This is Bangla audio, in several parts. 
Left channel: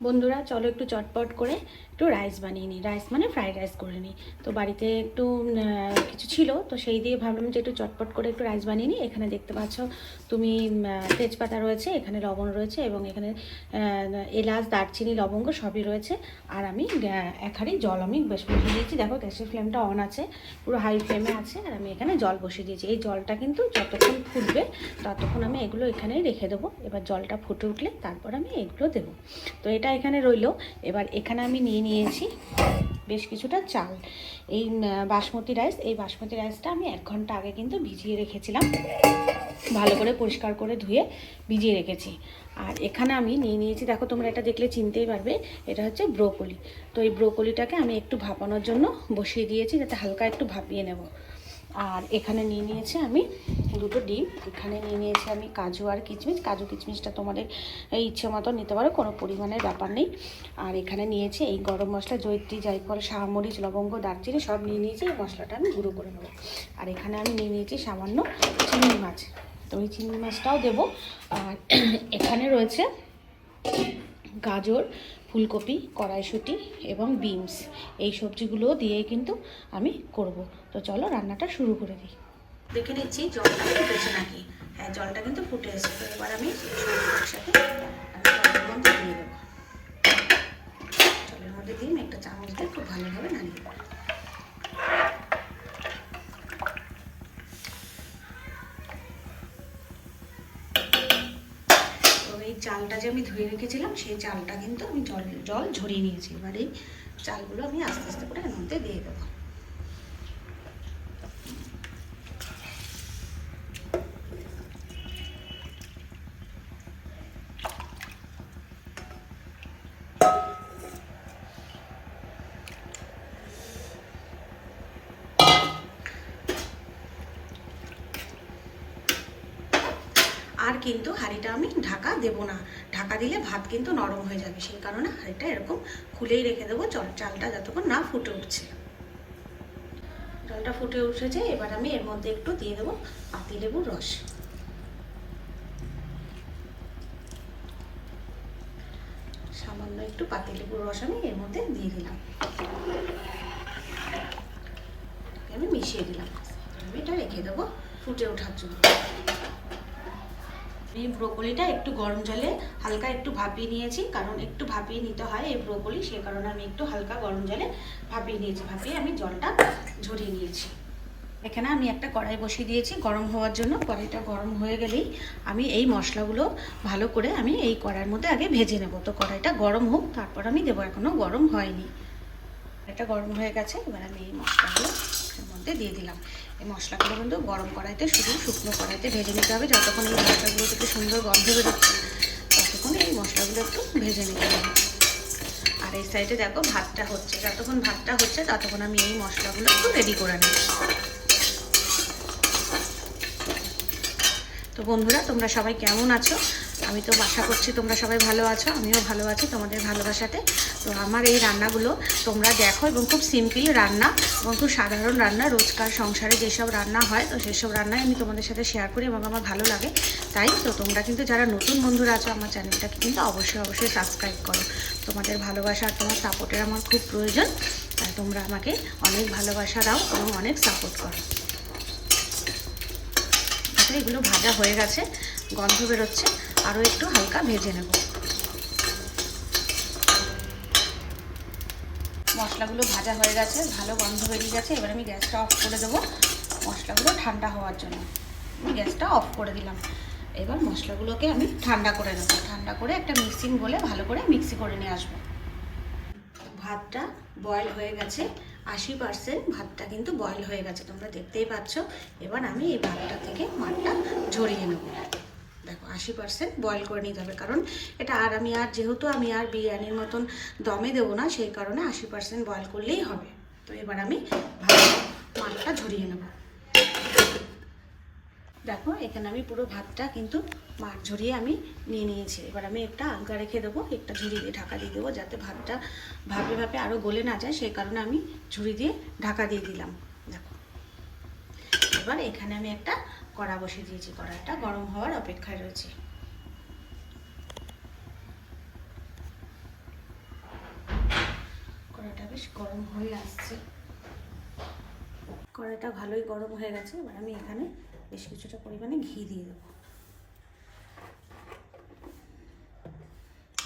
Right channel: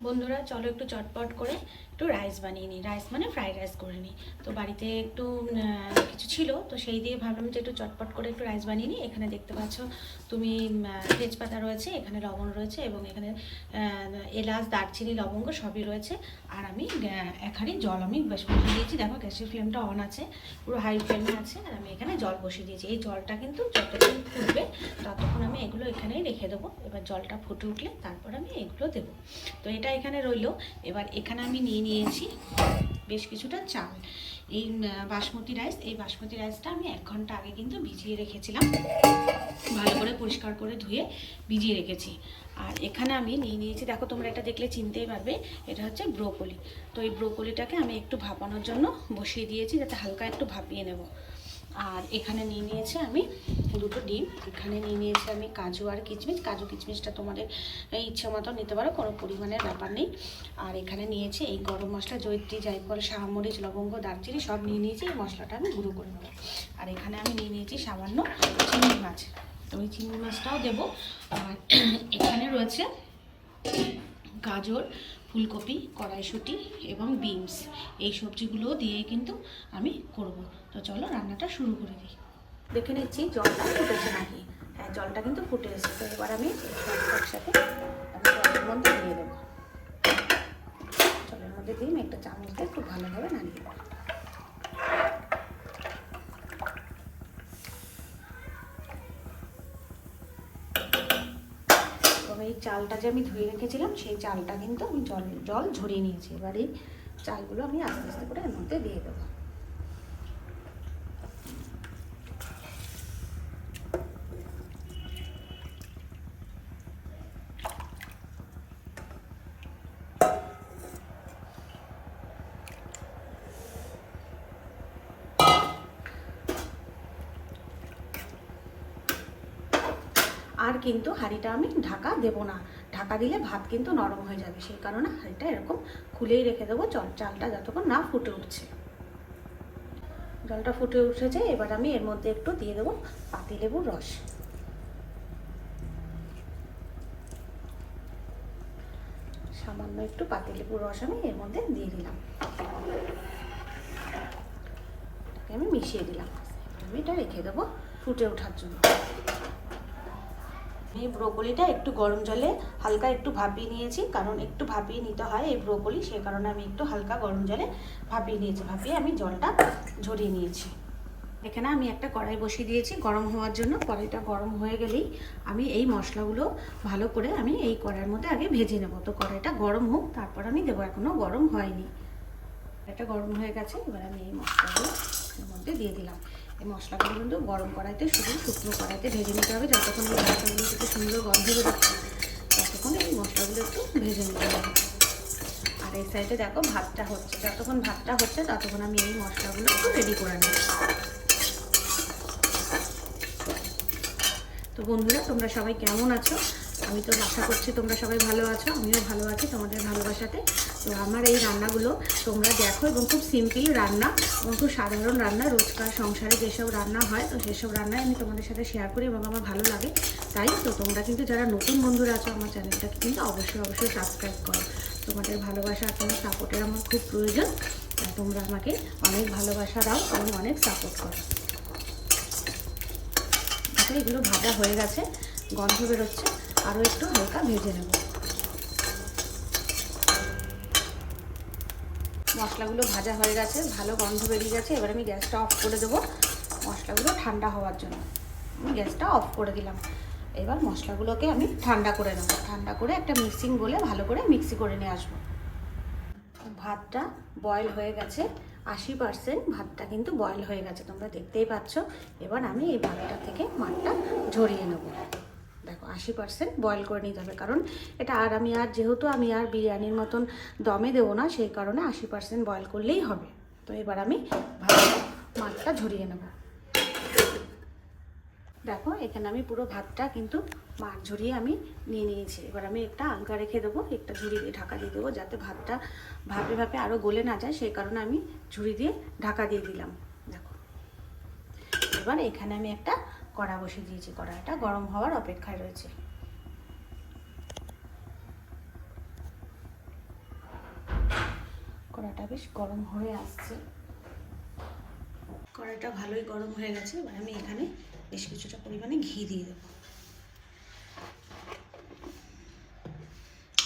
বন্ধুরা চলো একটু চটপট করে একটু রাইস বানিয়ে নিই। রাইস মানে ফ্রাইড রাইস করে নিই। তো বাড়িতে একটু কিছু ছিল, তো সেই দিয়ে ভাবলাম যে একটু চটপট করে একটু রাইস বানিয়ে নিই। এখানে দেখতে পাচ্ছ তুমি তেজপাতা রয়েছে, এখানে লবণ রয়েছে এবং এখানে এলাচ, দারচিনি, লবঙ্গ সবই রয়েছে। আর আমি এক হাঁড়ি জল আমি বেশ বসিয়ে দিয়েছি। দেখো গ্যাসের ফ্লেমটা অন আছে, পুরো হাই ফ্লেমে আছে। আর আমি এখানে জল বসিয়ে দিয়েছি। এই জলটা কিন্তু যতক্ষণ ফুটবে ততক্ষণ আমি এগুলো এখানেই রেখে দেবো। এবার জলটা ফুটে উঠলে তারপর আমি এগুলো দেবো। তো এটা এখানে রইলো। এবার এখানে আমি নিয়ে নিয়েছি বেশ কিছুটা চাল। এই বাসমতি রাইস, এই বাসমতি রাইসটা আমি 1 ঘন্টা আগে কিন্তু ভিজিয়ে রেখেছিলাম, ভালো করে পরিষ্কার করে ধুয়ে ভিজিয়ে রেখেছি। আর এখানে আমি নিয়ে নিয়েছি, দেখো তোমরা এটা দেখলে চিনতেই পারবে, এটা হচ্ছে ব্রোকলি। তো এই ব্রোকলিটাকে আমি একটু ভাপানোর জন্য বসিয়ে দিয়েছি, যাতে হালকা একটু ভাপিয়ে নেব। আর এখানে নিয়ে নিয়েছি আমি 2টো ডিম। এখানে নিয়ে নিয়েছি আমি কাজু আর কিশমিশ। কাজু কিশমিশটা তোমাদের ইচ্ছে মতো নিতে পারো, কোনো পরিমাণের ব্যাপার নেই। আর এখানে নিয়েছি এই গরম মশলা, জয়িত্রী, জায়ফল, শাহমরিচ, লবঙ্গ, দারচিনি সব নিয়ে নিয়েছি। এই মশলাটা আমি গুঁড়ো করে নেবো। আর এখানে আমি নিয়ে নিয়েছি সামান্য চিংড়ি মাছ, তো ওই চিংড়ি মাছটাও দেবো। আর এখানে রয়েছে গাজর, ফুলকপি, কড়াইশুঁটি এবং বিনস। এই সবজিগুলো দিয়ে কিন্তু আমি করব। তো চলো রান্নাটা শুরু করে দিই। দেখে নিচ্ছি জলটা ফুটেছে নাকি। হ্যাঁ, জলটা কিন্তু ফুটে এসেছে। এবার আমি সবজি একসাথে আমি জলের মধ্যে দিয়ে দেবো। জলের মধ্যে দিয়ে আমি একটা চামচ দিয়ে খুব ভালোভাবে নাড়িয়ে দেবো। এই চালটা যে আমি ধুয়ে রেখেছিলাম, সেই চালটা কিন্তু আমি জল ঝরিয়ে নিয়েছি। এবার এই চালগুলো আমি আস্তে আস্তে করে এর মধ্যে দিয়ে দেবো। আর কিন্তু হাঁড়িটা আমি ঢাকা দেবো না, ঢাকা দিলে ভাত কিন্তু নরম হয়ে যাবে। সেই কারণে হাঁড়িটা এরকম খুলেই রেখে দেবো চালটা যতক্ষণ না ফুটে উঠছে। জলটা ফুটে উঠেছে, এবার আমি এর মধ্যে একটু দিয়ে দেবো পাতিলেবুর রস। সামান্য একটু পাতিলেবুর রস আমি এর মধ্যে দিয়ে দিলাম, আমি মিশিয়ে দিলাম। আমি এটা রেখে দেবো ফুটে ওঠার জন্য। এই ব্রোকলিটা একটু গরম জলে হালকা একটু ভাপিয়ে নিয়েছি, কারণ একটু ভাপিয়ে নিতে হয় এই ব্রোকলি, সে কারণে আমি একটু হালকা গরম জলে ভাপিয়ে নিয়েছি। ভাপিয়ে আমি জলটা ঝরিয়ে নিয়েছি। এখানে আমি একটা কড়াই বসিয়ে দিয়েছি গরম হওয়ার জন্য। কড়াইটা গরম হয়ে গেলেই আমি এই মশলাগুলো ভালো করে আমি এই কড়াইয়ের মধ্যে আগে ভেজে নেব। তো কড়াইটা গরম হোক, তারপর আমি দেবো, এখনও গরম হয়নি। এটা গরম হয়ে গেছে, এবার আমি এই মশলাগুলো এর মধ্যে দিয়ে দিলাম। এই মশলাগুলো কিন্তু গরম কড়াইতে, শুধু শুকনো কড়াইতে ভেজে নিতে হবে। যতক্ষণ এই মশলাগুলো থেকে সুন্দর গন্ধ বেরোচ্ছে ততক্ষণ এই মশলাগুলো একটু ভেজে নিতে হবে। আর এই সাইডে দেখো ভাতটা হচ্ছে, যতক্ষণ ভাতটা হচ্ছে ততক্ষণ আমি এই মশলাগুলো একটু রেডি করে নেব। তো বন্ধুরা তোমরা সবাই কেমন আছো? আমি তো আশা করছি তোমরা সবাই ভালো আছো, আমিও ভালো আছি তোমাদের ভালোবাসাতে। তো আমার এই রান্নাগুলো তোমরা দেখো, এবং খুব সিম্পল রান্না এবং খুব সাধারণ রান্না, রোজকার সংসারে যেসব রান্না হয় তো সেসব রান্নাই আমি তোমাদের সাথে শেয়ার করি এবং আমার ভালো লাগে। তাই তো তোমরা কিন্তু যারা নতুন বন্ধুরা আছো আমার চ্যানেলটাকে কিন্তু অবশ্যই সাবস্ক্রাইব করো। তোমাদের ভালোবাসা আর তোমার সাপোর্টের আমার খুব প্রয়োজন। আর তোমরা আমাকে অনেক ভালোবাসা দাও এবং অনেক সাপোর্ট করো। এগুলো ভাজা হয়ে গেছে, গন্ধ বেরোচ্ছে, আরও একটু হালকা ভেজে নেব। মশলাগুলো ভাজা হয়ে গেছে, ভালো গন্ধ বেরিয়ে গেছে। এবার আমি গ্যাসটা অফ করে দেবো মশলাগুলো ঠান্ডা হওয়ার জন্য। আমি গ্যাসটা অফ করে দিলাম। এবার মশলাগুলোকে আমি ঠান্ডা করে নেব। ঠান্ডা করে একটা মিক্সিং বলে ভালো করে মিক্সি করে নিয়ে আসবো। ভাতটা বয়েল হয়ে গেছে, 80% ভাতটা কিন্তু বয়েল হয়ে গেছে, তোমরা দেখতেই পাচ্ছ। এবার আমি এই ভাতটা থেকে মাঠটা ঝরিয়ে নেব। দেখো 80% বয়েল করে নিতে হবে, কারণ এটা যেহেতু আমি আর বিরিয়ানির মতন দমে দেবো না, সেই কারণে 80% বয়েল করলেই হবে। তো এবার আমি ভাতটা মাঠটা ঝরিয়ে নেব। দেখো এখানে আমি পুরো ভাতটা কিন্তু মাঠ ঝরিয়ে আমি নিয়ে নিয়েছি। এবার আমি একটা আলগা রেখে দেবো, একটা ঝুড়ি দিয়ে ঢাকা দিয়ে দেবো, যাতে ভাতটা ভাপে ভাপে আরও গলে না যায়, সেই কারণে আমি ঝুড়ি দিয়ে ঢাকা দিয়ে দিলাম। দেখো এবার এখানে আমি একটা কড়া বসিয়ে দিয়েছি, কড়াটা গরম হওয়ার অপেক্ষায় রয়েছে। বেশ গরম হয়ে আসছে। কড়াইটা ভালোই গরম হয়ে গেছে। এবার আমি এখানে বেশ কিছুটা পরিমাণে ঘি দিয়ে দেবো।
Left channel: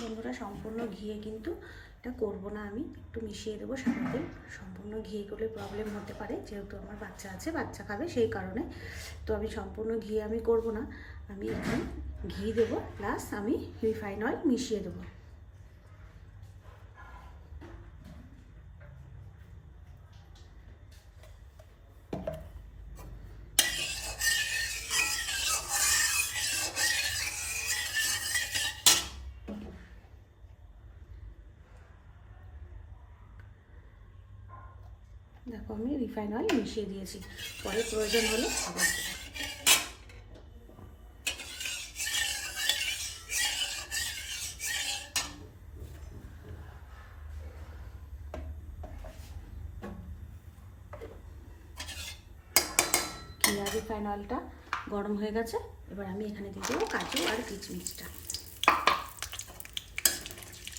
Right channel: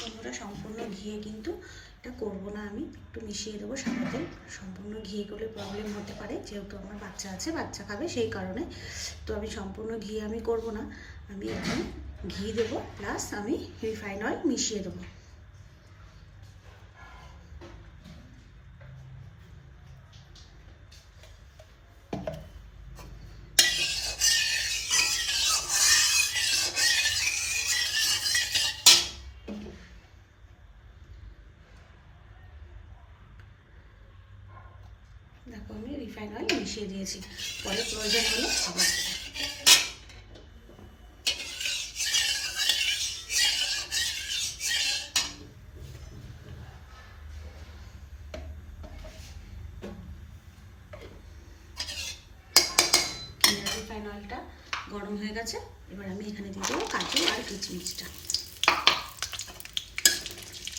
বন্ধুরা, সম্পূর্ণ ঘিয়ে কিন্তু এটা করবো না, আমি একটু মিশিয়ে দেবো সাদা তেল। সম্পূর্ণ ঘি করলে প্রবলেম হতে পারে, যেহেতু আমার বাচ্চা আছে, বাচ্চা খাবে, সেই কারণে। তো আমি সম্পূর্ণ ঘি আমি করব না, আমি এখানে ঘি দেবো প্লাস আমি রিফাইন অয়েল মিশিয়ে দেবো। দেখো, আমি রিফাইন অয়েল মিশিয়ে দিয়েছি, পরে প্রয়োজন হলে আবার রিফাইন অয়েলটা গরম হয়ে গেছে। এবার আমি এখানে দিয়ে দেবো কাজু আর কিচমিচটা।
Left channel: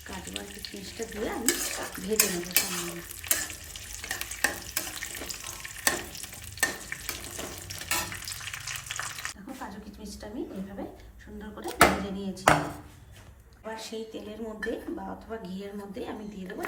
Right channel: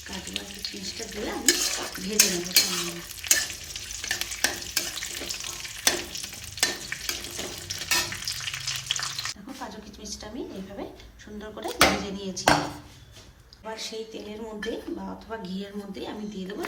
কাজু আর কিচমিচটা দিয়ে আমি ভেজে নেবো সামান্য। দেখো, কাজু কিচমিচটা আমি এইভাবে সুন্দর করে ভেজে নিয়েছি। এবার সেই তেলের মধ্যে বা অথবা ঘিয়ের মধ্যে আমি দিয়ে দেবো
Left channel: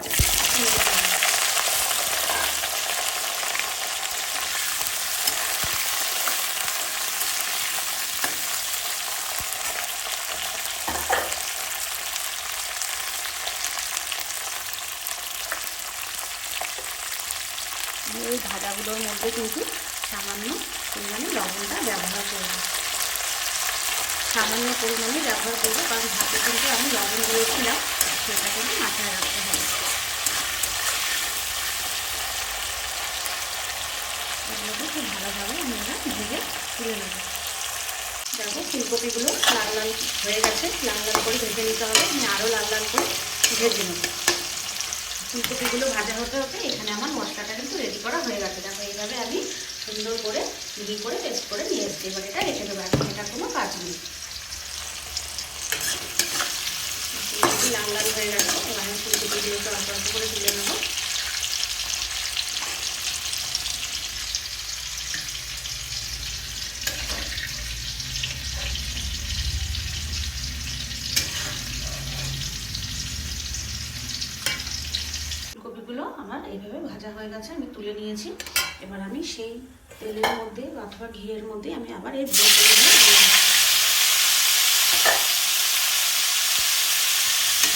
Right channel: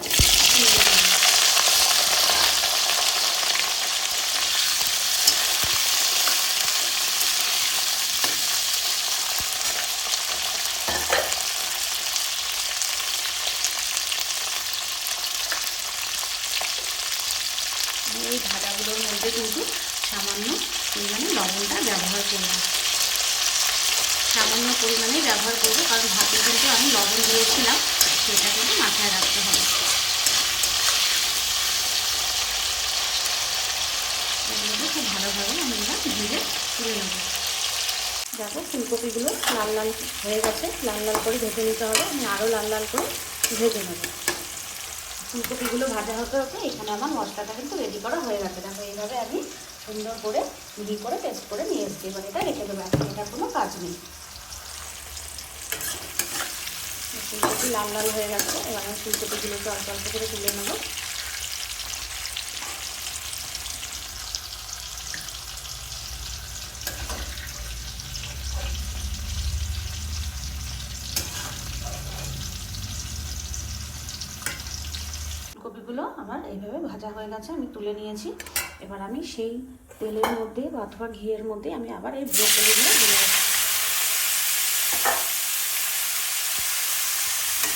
এই ভাজাগুলোর মধ্যে কিন্তু সামান্য পরিমাণে লবণটা ব্যবহার করব, সামান্য পরিমাণে ব্যবহার করবো, কারণ ভাতে কিন্তু আমি লবণ দিয়েছিলাম, সেটা কিন্তু মাথায় রাখতে হবে। এগুলোকে খুব ভালোভাবে আমরা ভেজে তুলে নেব। দেখো, ফুলকপিগুলো লাল লাল হয়ে গেছে, লাল লাল করে ভেজে নিতে হবে। আমি আরও লাল লাল করে ভেজে নেব। ফুলকপিগুলো ভাজা হতে হতে এখানে আমার মশলাটা কিন্তু রেডি করা হয়ে গেছে। দেখো, এইভাবে আমি সুন্দর করে মিহি করে পেস্ট করে নিয়ে এসেছি। এবার এটা রেখে দেবো, এখন এটা কোনো কাজ নেই। ফুলকপি লাল লাল হয়ে গেছে, এবার আমি ফুলকপিগুলোকে অল্প অল্প করে তুলে নেব। ফুলকপিগুলো আমার এইভাবে ভাজা হয়ে গেছে, আমি তুলে নিয়েছি। এবার আমি সেই তেলের মধ্যে অথবা ঘিয়ের মধ্যে আমি আবার এই ব্রোকলিগুলো দিয়ে দেবো।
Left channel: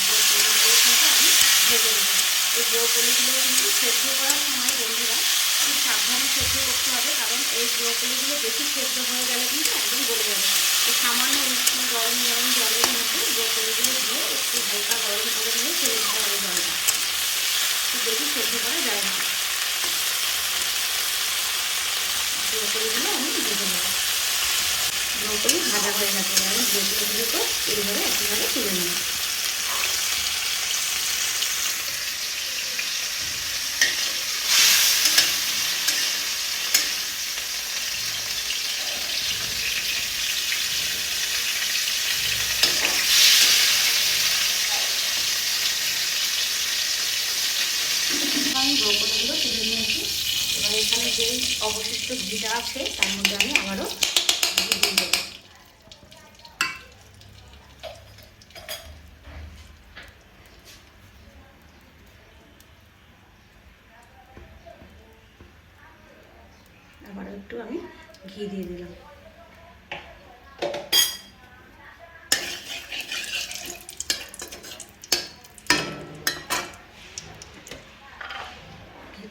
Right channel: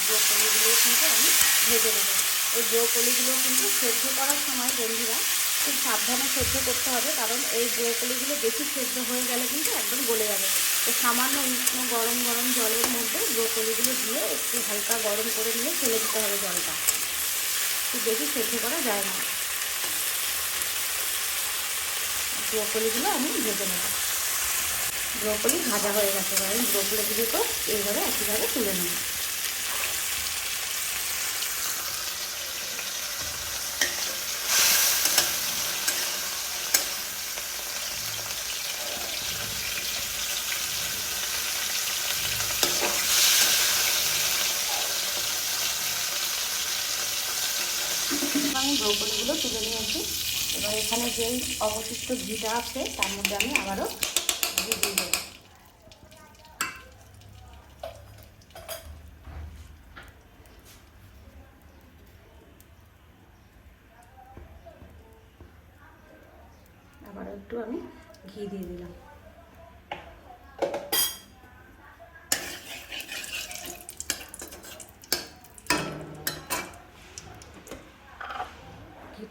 ব্রোকলিগুলো কিন্তু আমি ভেজে নেবো। এই ব্রোকলিগুলো কিন্তু সেদ্ধ করার সময় বন্ধুরা খুব সাবধানে সেদ্ধ করতে হবে, কারণ এই ব্রোকলিগুলো বেশি সেদ্ধ হয়ে গেলে কিন্তু একদম গলে যাবে। তো সামান্য উষ্ণ গরম গরম জলের মধ্যে ব্রোকলিগুলো দিয়ে একটু হালকা গরম করে নিয়ে ফেলে দিতে হবে জলটা, খুব বেশি সেদ্ধ করা যায় না। ব্রোকলিগুলো আমি ভেজে নেব। ব্রোকলি ভাজা হয়ে গেছে, আমি ব্রোকলিগুলোকে এইভাবে একইভাবে তুলে নেব। আমি ব্রোকলিগুলো তুলে নিয়েছি। এবার এখানে যেই অবশিষ্ট ঘিটা আছে তার মধ্যে আমি আবারও ঘি দিয়ে দেবো। আবারও একটু আমি ঘি দিয়ে দিলাম।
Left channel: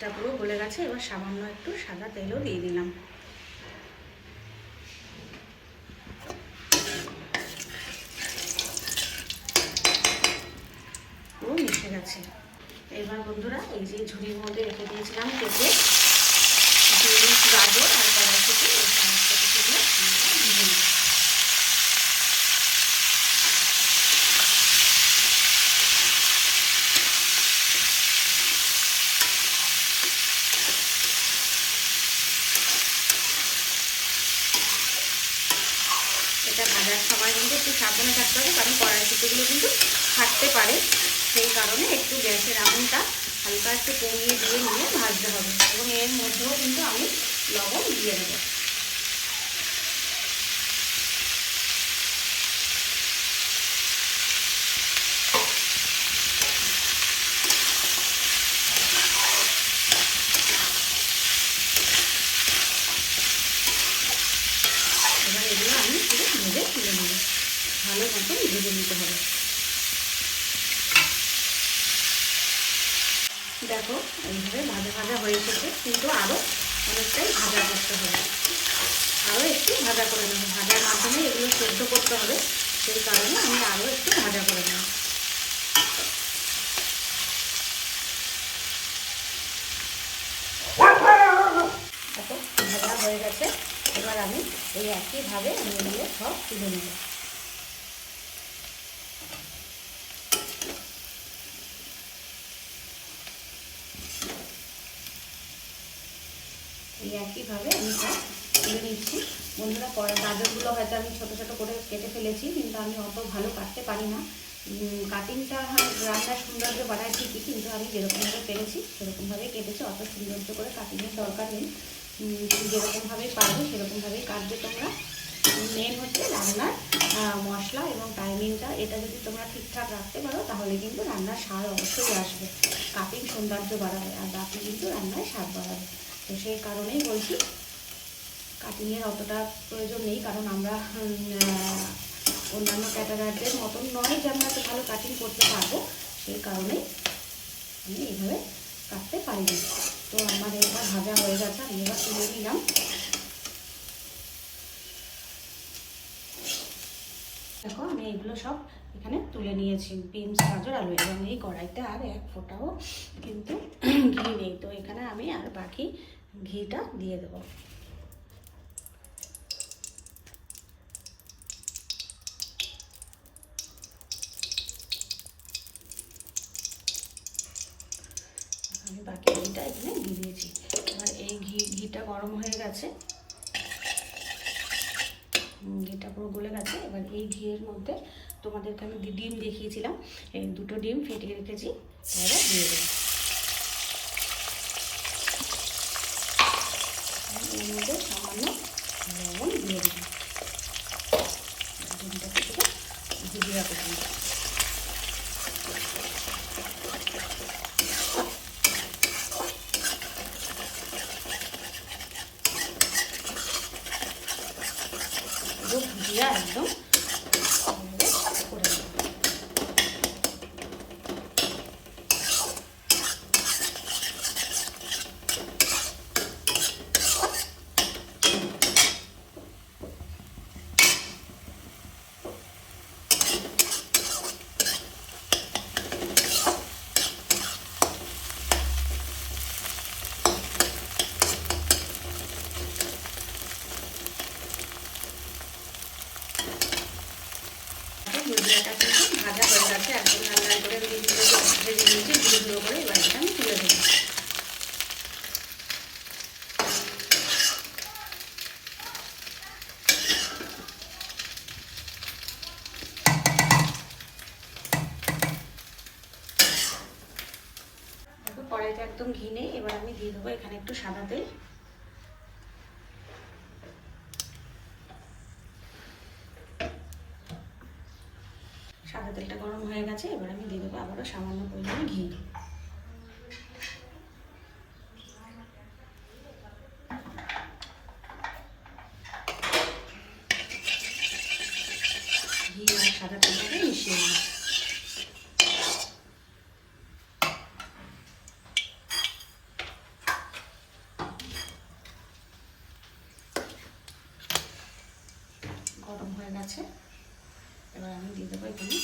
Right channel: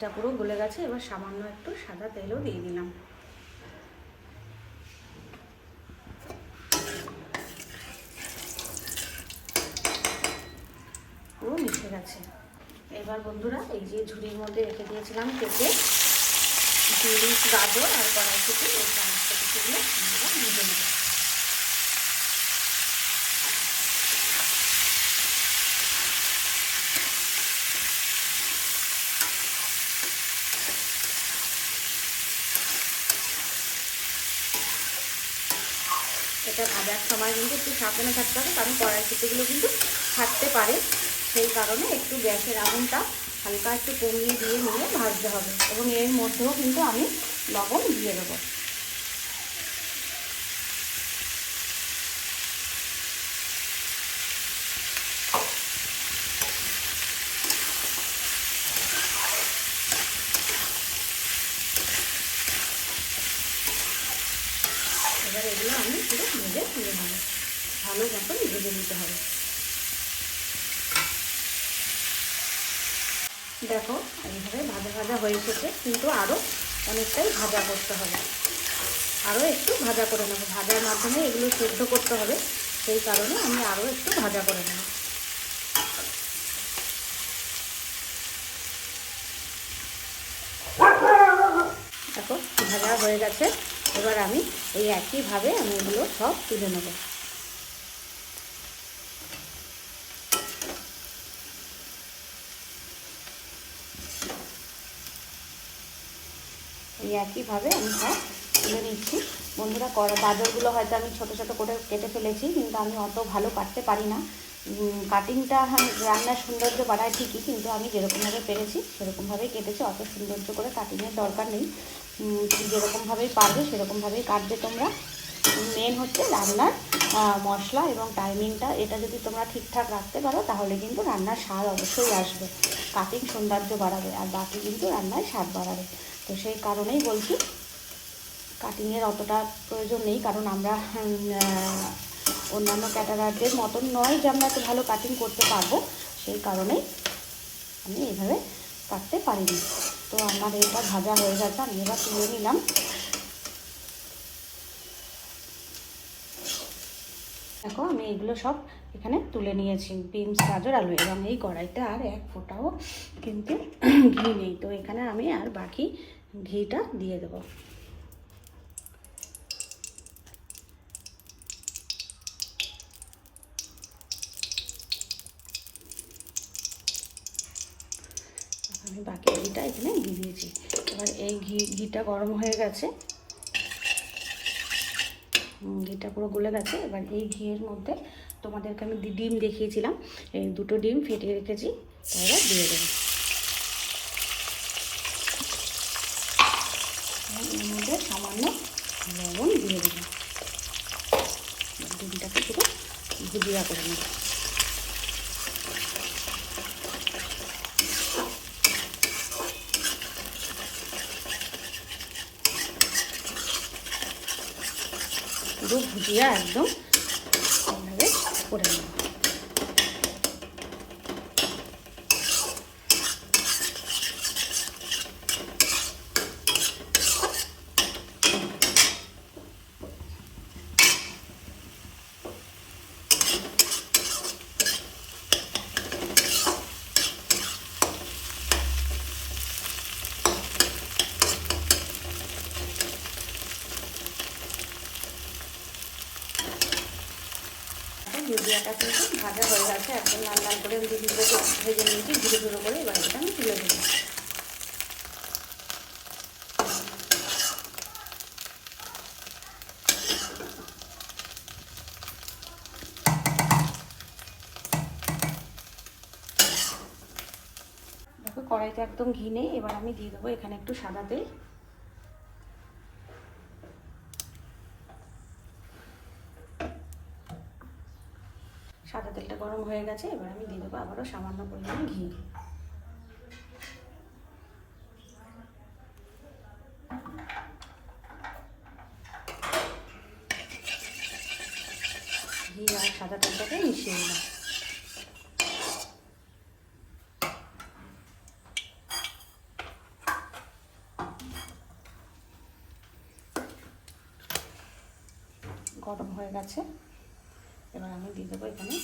ঘিটা পুরো গলে গেছে, এবার সামান্য একটু সাদা তেলও দিয়ে দিলাম। পুরো মিশে গেছে। এবার বন্ধুরা, এই যে ঝুড়ির মধ্যে রেখে দিয়েছিলাম পেঁপে, বিনস, গাজর আর কড়াইশুঁটি, এই সমস্ত কিছুগুলো আমরা ভেজে নেব। এটা ভাজার সময় কিন্তু একটু সাবধানে থাকতে হবে, কারণ কড়াইশুঁটিগুলো কিন্তু ফাটতে পারে, সেই কারণে একটু গ্যাসের আগুনটা হালকা একটু কমিয়ে দিয়ে নিয়ে ভাজতে হবে। এবং এর মধ্যেও কিন্তু আমি লবণ দিয়ে দেবো। এবার এগুলো আমি পুরো ভেজে তুলে নেব, ভালো মতন ভেজে নিতে হবে। দেখো এইভাবে ভাজা ভাজা হয়ে এসেছে, কিন্তু আরও অনেকটাই ভাজা করতে হবে, আরও একটু ভাজা করে নেব। ভাজার মাধ্যমে এগুলো সেদ্ধ করতে হবে, সেই কারণে আমি আরও একটু ভাজা করে নেব। দেখো ভাজা হয়ে গেছে। এবার আমি এই একইভাবে আমি এগুলো সব তুলে নেব। এই একইভাবে আমি সব তুলে নিচ্ছি। বন্ধুরা, গাজরগুলো হয়তো আমি ছোটো ছোটো করে কেটে ফেলেছি, কিন্তু আমি অত ভালো কাটতে পারি না। কাটিংটা রান্নার সৌন্দর্য বাড়ায় ঠিকই, কিন্তু আমি যেরকমভাবে পেরেছি সেরকমভাবেই কেটেছি। অত সৌন্দর্য করে কাটিংয়ের দরকার নেই, যেরকমভাবেই পারবে সেরকমভাবেই কাটবে তোমরা। মেন হচ্ছে রান্নার মশলা এবং টাইমিংটা, এটা যদি তোমরা ঠিকঠাক রাখতে পারো তাহলে কিন্তু রান্নার স্বাদ অবশ্যই আসবে। কাটিং সৌন্দর্য বাড়াবে আর বাকি কিন্তু রান্নায় স্বাদ বাড়াবে। তো সেই কারণেই বলছি কাটিংয়ের অতটা প্রয়োজন নেই, কারণ আমরা অন্যান্য ক্যাটারারদের মতন নয় যে আমরা এত ভালো কাটিং করতে পারবো, সেই কারণেই আমি এইভাবে কাটতে পারিনি। তো আমার এবার ভাজা হয়ে গেছে, আমি এবার তুলে নিলাম। দেখো আমি এগুলো সব এখানে তুলে নিয়েছি, বিনস, গাজর, আলু। এবং এই কড়াইতে আর এক ফোঁটাও কিন্তু ঘি নেই, তো এখানে আমি আর বাকি ঘিটা দিয়ে দেবো। আমি বাকি ঘিটা এখানে দিয়ে দিয়েছি। এবার এই ঘিটা গরম হয়ে গেছে, ঘিটা পুরো গলে গেছে। এবার এই ঘিয়ের মধ্যে তোমাদেরকে আমি ডিম দেখিয়েছিলাম, এই দুটো ডিম ফেটিয়ে রেখেছি, এবার দিয়ে দেবো। এর মধ্যে সামান্য লবণ দিয়ে দেবো, ডিমটাকে থেকে ভুজিয়া করে দেবো। ভুজিয়া একদম এইভাবে করে নেব। ভুজিয়াটা কিন্তু ভাজা হয়ে গেছে, একদম লাল লাল করে ভেজে নিয়েছি ধীরে ধীরে করে। এবার এটা আমি তুলে দেবো। দেখো কড়াইতে একদম ঘি নেই, এবার আমি দিয়ে দেবো এখানে একটু সাদা তেল। সাদা তেলটা গরম হয়ে গেছে, এবার আমি দিয়ে দেবো আবারও সামান্য পরিমাণে ঘি। ঘি আর সাদা তেলটাকে মিশিয়ে নিলাম। গরম হয়ে গেছে, এবার আমি দিয়ে দেবো এখানে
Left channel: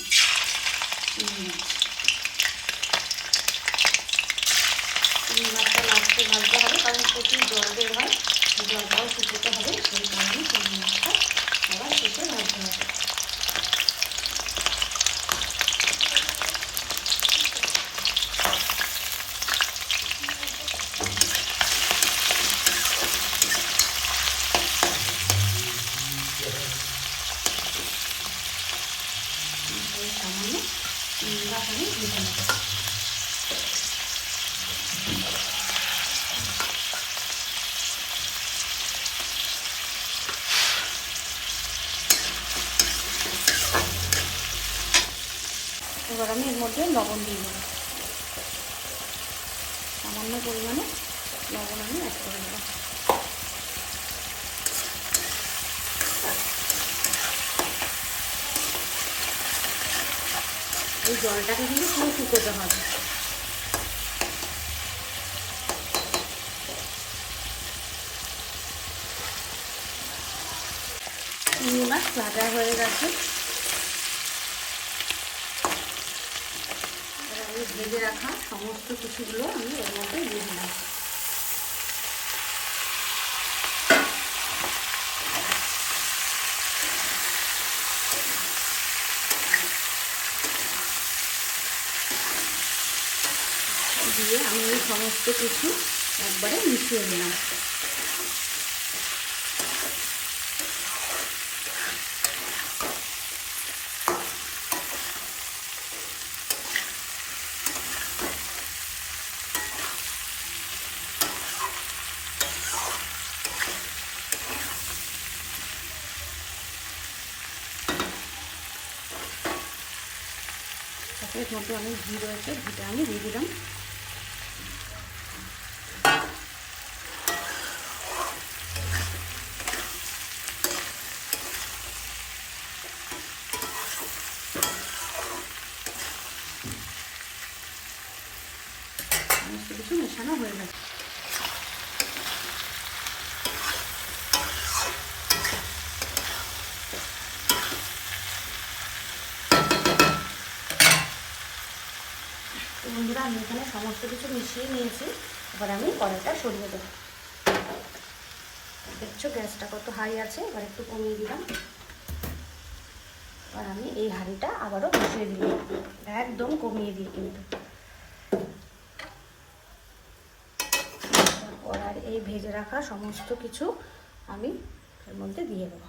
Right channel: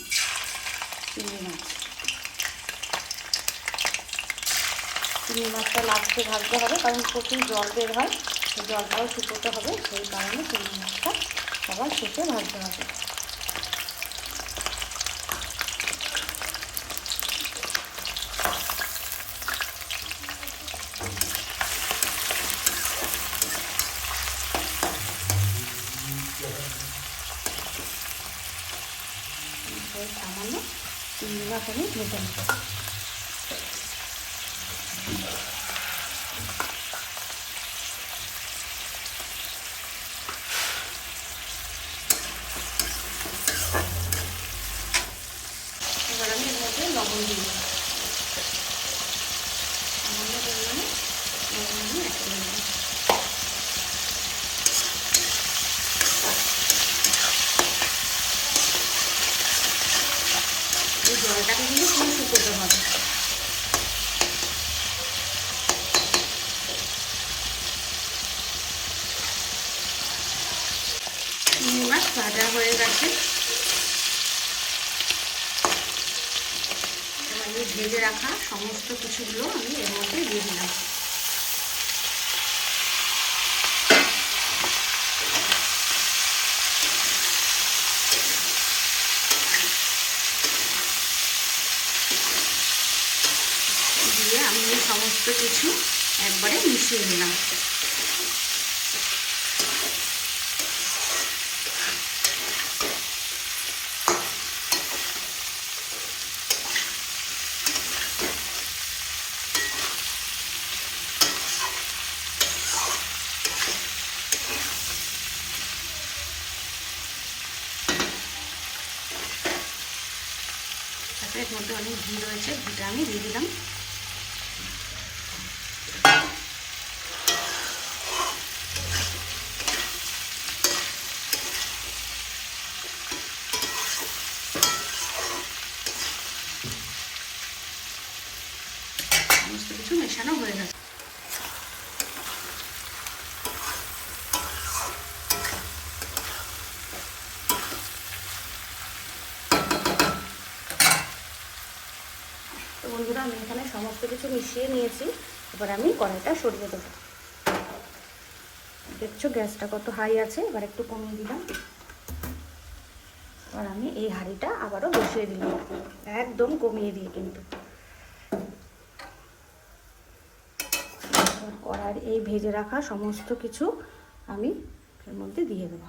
চিংড়ি মাছ। চিংড়ি মাছটা লাস্টে ভাজতে হবে, কারণ প্রচুর জল বের হয়, জলটাও শুকোতে হবে, সেই কারণে চিংড়ি মাছটা সবার শেষে ভাজতে হবে। সামান্য চিংড়ি মাছ আমি ভেজে নেব। জলটাকে কিন্তু পুরো শুকোতে হবে। চিংড়ি মাছ ভাজা হয়ে গেছে। আমি ভেজে রাখা সমস্ত কিছুগুলো আমি এর মধ্যে দিয়ে দিলাম। দিয়ে আমি এই সমস্ত কিছু একবারে মিশিয়ে নিলাম। এর মধ্যে অনেক ঘি রয়েছে, ঘিটা আমি দিয়ে দিলাম। সমস্ত কিছু মেশানো হয়ে গেছে। বন্ধুরা আমি এখানে সমস্ত কিছু মিশিয়ে নিয়েছি। এবার আমি কড়াইটা সরিয়ে দেবো। দেখছো গ্যাসটা কত হাই আছে, এবার একটু কমিয়ে দিলাম। আর আমি এই হাঁড়িটা আবারও বসিয়ে দিলাম, একদম কমিয়ে দিয়ে। কিন্তু কড়াই এই ভেজে রাখা সমস্ত কিছু আমি এর মধ্যে দিয়ে দেবো।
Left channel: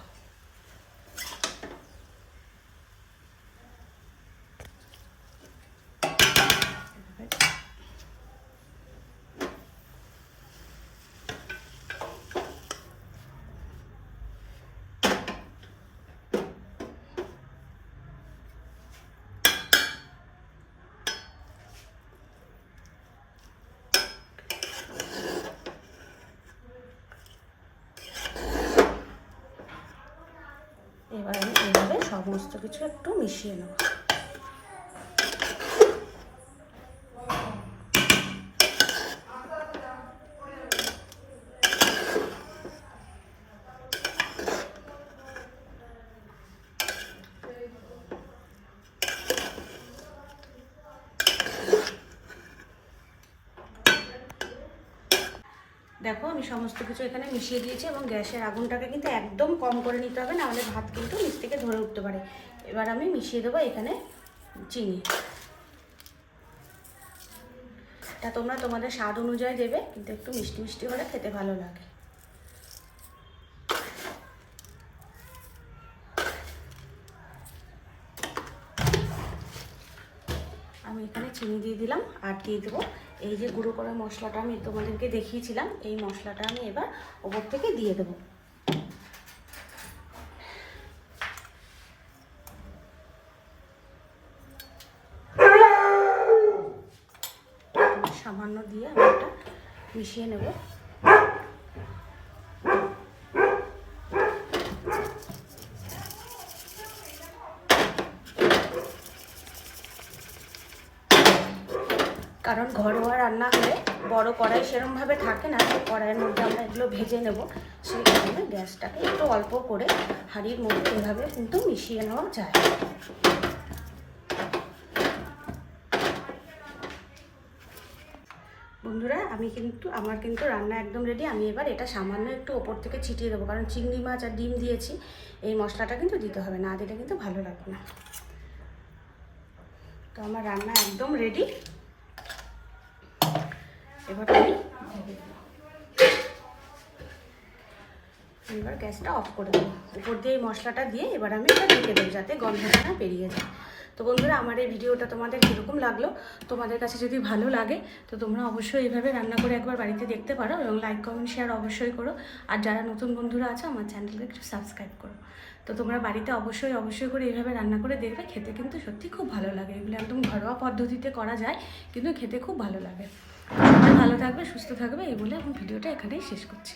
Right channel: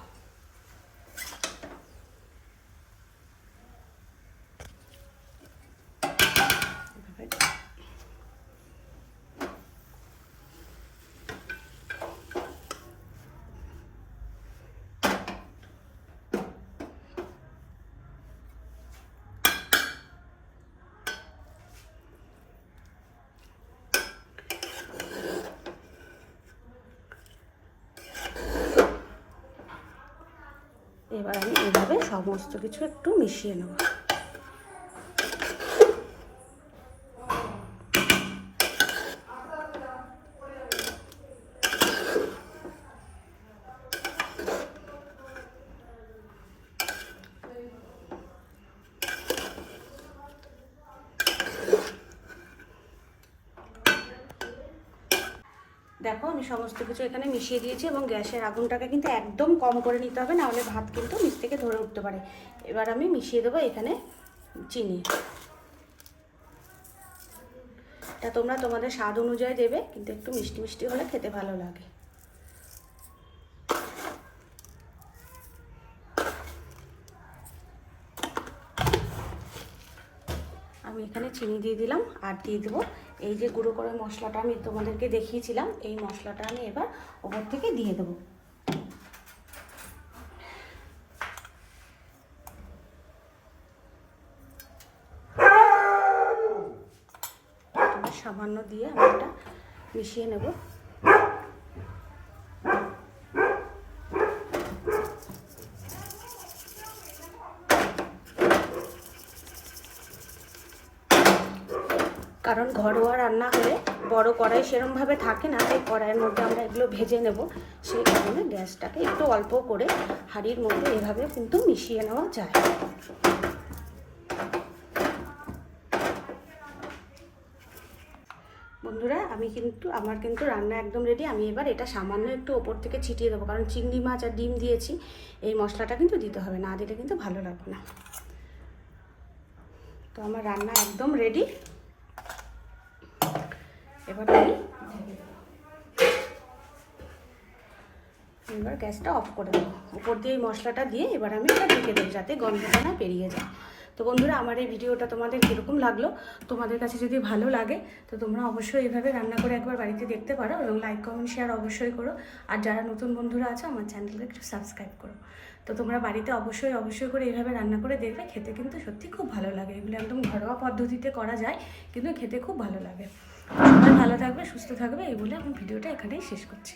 এবার আমি এইভাবে সমস্ত কিছু একটু মিশিয়ে নেব। দেখো আমি সমস্ত কিছু এখানে মিশিয়ে দিয়েছি এবং গ্যাসের আগুনটাকে কিন্তু একদম কম করে নিতে হবে, নাহলে ভাত কিন্তু নিচ থেকে ধরে উঠতে পারে। এবার আমি মিশিয়ে দেবো এখানে চিনি। এটা তোমরা তোমাদের স্বাদ অনুযায়ী দেবে, কিন্তু একটু মিষ্টি মিষ্টি হলে খেতে ভালো লাগে। আমি এখানে চিনি দিয়ে দিলাম আর দিয়ে দেবো এই যে গুঁড়ো করা মশলাটা আমি তোমাদেরকে দেখিয়েছিলাম, এই মশলাটা আমি এবার ওপর থেকে দিয়ে দেবো। সামান্য দিয়ে আমি এটা মিশিয়ে নেব। কারণ ঘরোয়া রান্না হলে বড় কড়াই সেরকমভাবে থাকে না, সেই কড়াইয়ের মধ্যে আমরা এগুলো ভেজে নেব। সেই কারণে গ্যাসটাকে একটু অল্প করে হাঁড়ির মধ্যে এভাবে কিন্তু মিশিয়ে নেওয়া যায়। বন্ধুরা আমার কিন্তু রান্না একদম রেডি। আমি এবার এটা সামান্য একটু ওপর থেকে ছিটিয়ে দেবো, কারণ চিংড়ি মাছ আর ডিম দিয়েছি, এই মশলাটা কিন্তু দিতে হবে, না দিলে কিন্তু ভালো লাগবে না। তো আমার রান্না একদম রেডি। এবার আমি এবার গ্যাসটা অফ করে দেবো। উপর দিয়ে এই মশলাটা দিয়ে এবার আমি এটা ঢেকে দেবো, যাতে গন্ধটা না বেরিয়ে যায়। তো বন্ধুরা আমার এই ভিডিওটা তোমাদের কীরকম লাগলো, তোমাদের কাছে যদি ভালো লাগে তো তোমরা অবশ্যই এইভাবে রান্না করে একবার বাড়িতে দেখতে পারো, এবং লাইক কমেন্ট শেয়ার অবশ্যই করো। আর যারা নতুন বন্ধুরা আছে আমার চ্যানেলকে একটু সাবস্ক্রাইব করো। তো তোমরা বাড়িতে অবশ্যই করে এইভাবে রান্না করে দেখবে, খেতে কিন্তু সত্যি খুব ভালো লাগে। এগুলো একদম ঘরোয়া পদ্ধতিতে করা যায়, কিন্তু খেতে খুব ভালো লাগে। সবাই ভালো থাকবে, সুস্থ থাকবে, এই বলে আমি ভিডিওটা এখানেই শেষ করছি।